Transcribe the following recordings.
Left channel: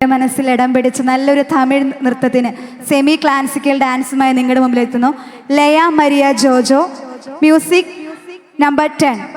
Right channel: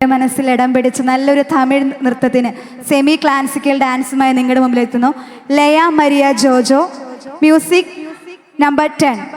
മനസ്സിൽ ഇടം പിടിച്ച നല്ലൊരു തമിഴ് നൃത്തത്തിന് സെമി ക്ലാസിക്കൽ ഡാൻസുമായി നിങ്ങളുടെ മുമ്പിൽ എത്തുന്നു ലയ മരിയ ജോജോ. Music number 10.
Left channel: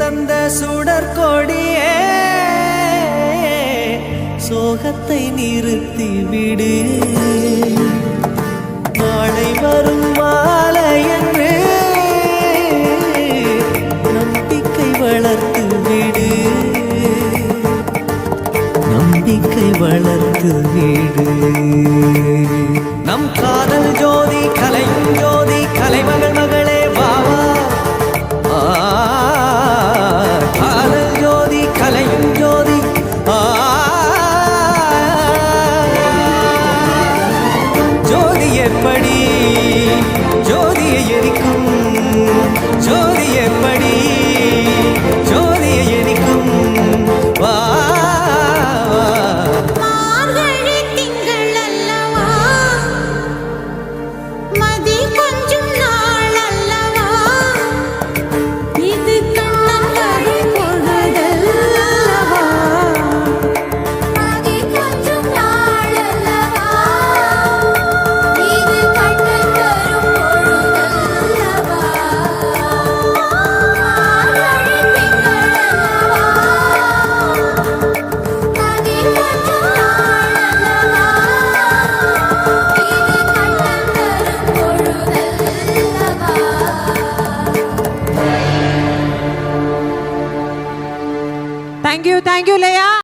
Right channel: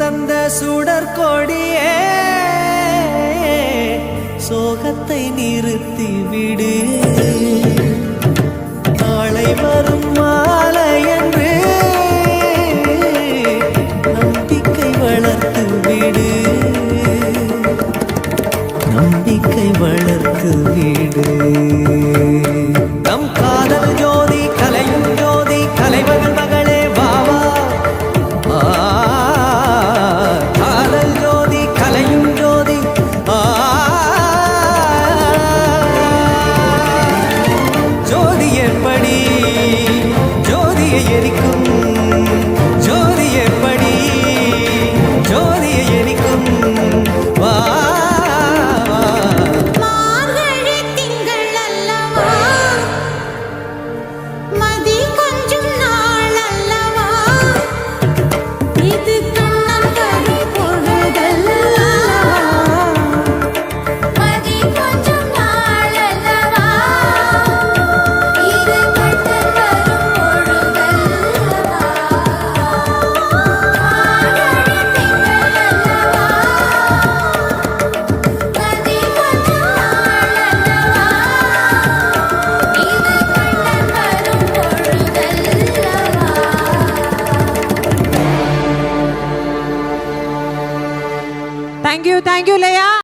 தந்த சுடற்கொடியே சோகத்தை நிறுத்தி விடு. நாளை வரும் மாலை என்று நம்பிக்கை வளர்த்து விடு, நம்பிக்கை வளர்த்து விடு. நம் காதல் ஜோதி கலையும் ஜோதி, கலைமகள் மகளே வாவா. காதல் ஜோதி கலையும் ஜோதி, ஜோதி எப்படி ஜோதியை எரிக்கும், ஜோதி எப்படி ஜோதியை எரிக்கும். வா மார்கழி திங்கள் அல்லவா, மதி கொஞ்சம் நாள் அல்லவா, இது கண்ணன் வரும் பொழுதல்லவா, மதி கொஞ்சம் நாள் அல்லவா, இது கண்ணன் வரும் பொழுதல்லவா, Thank you, Leia.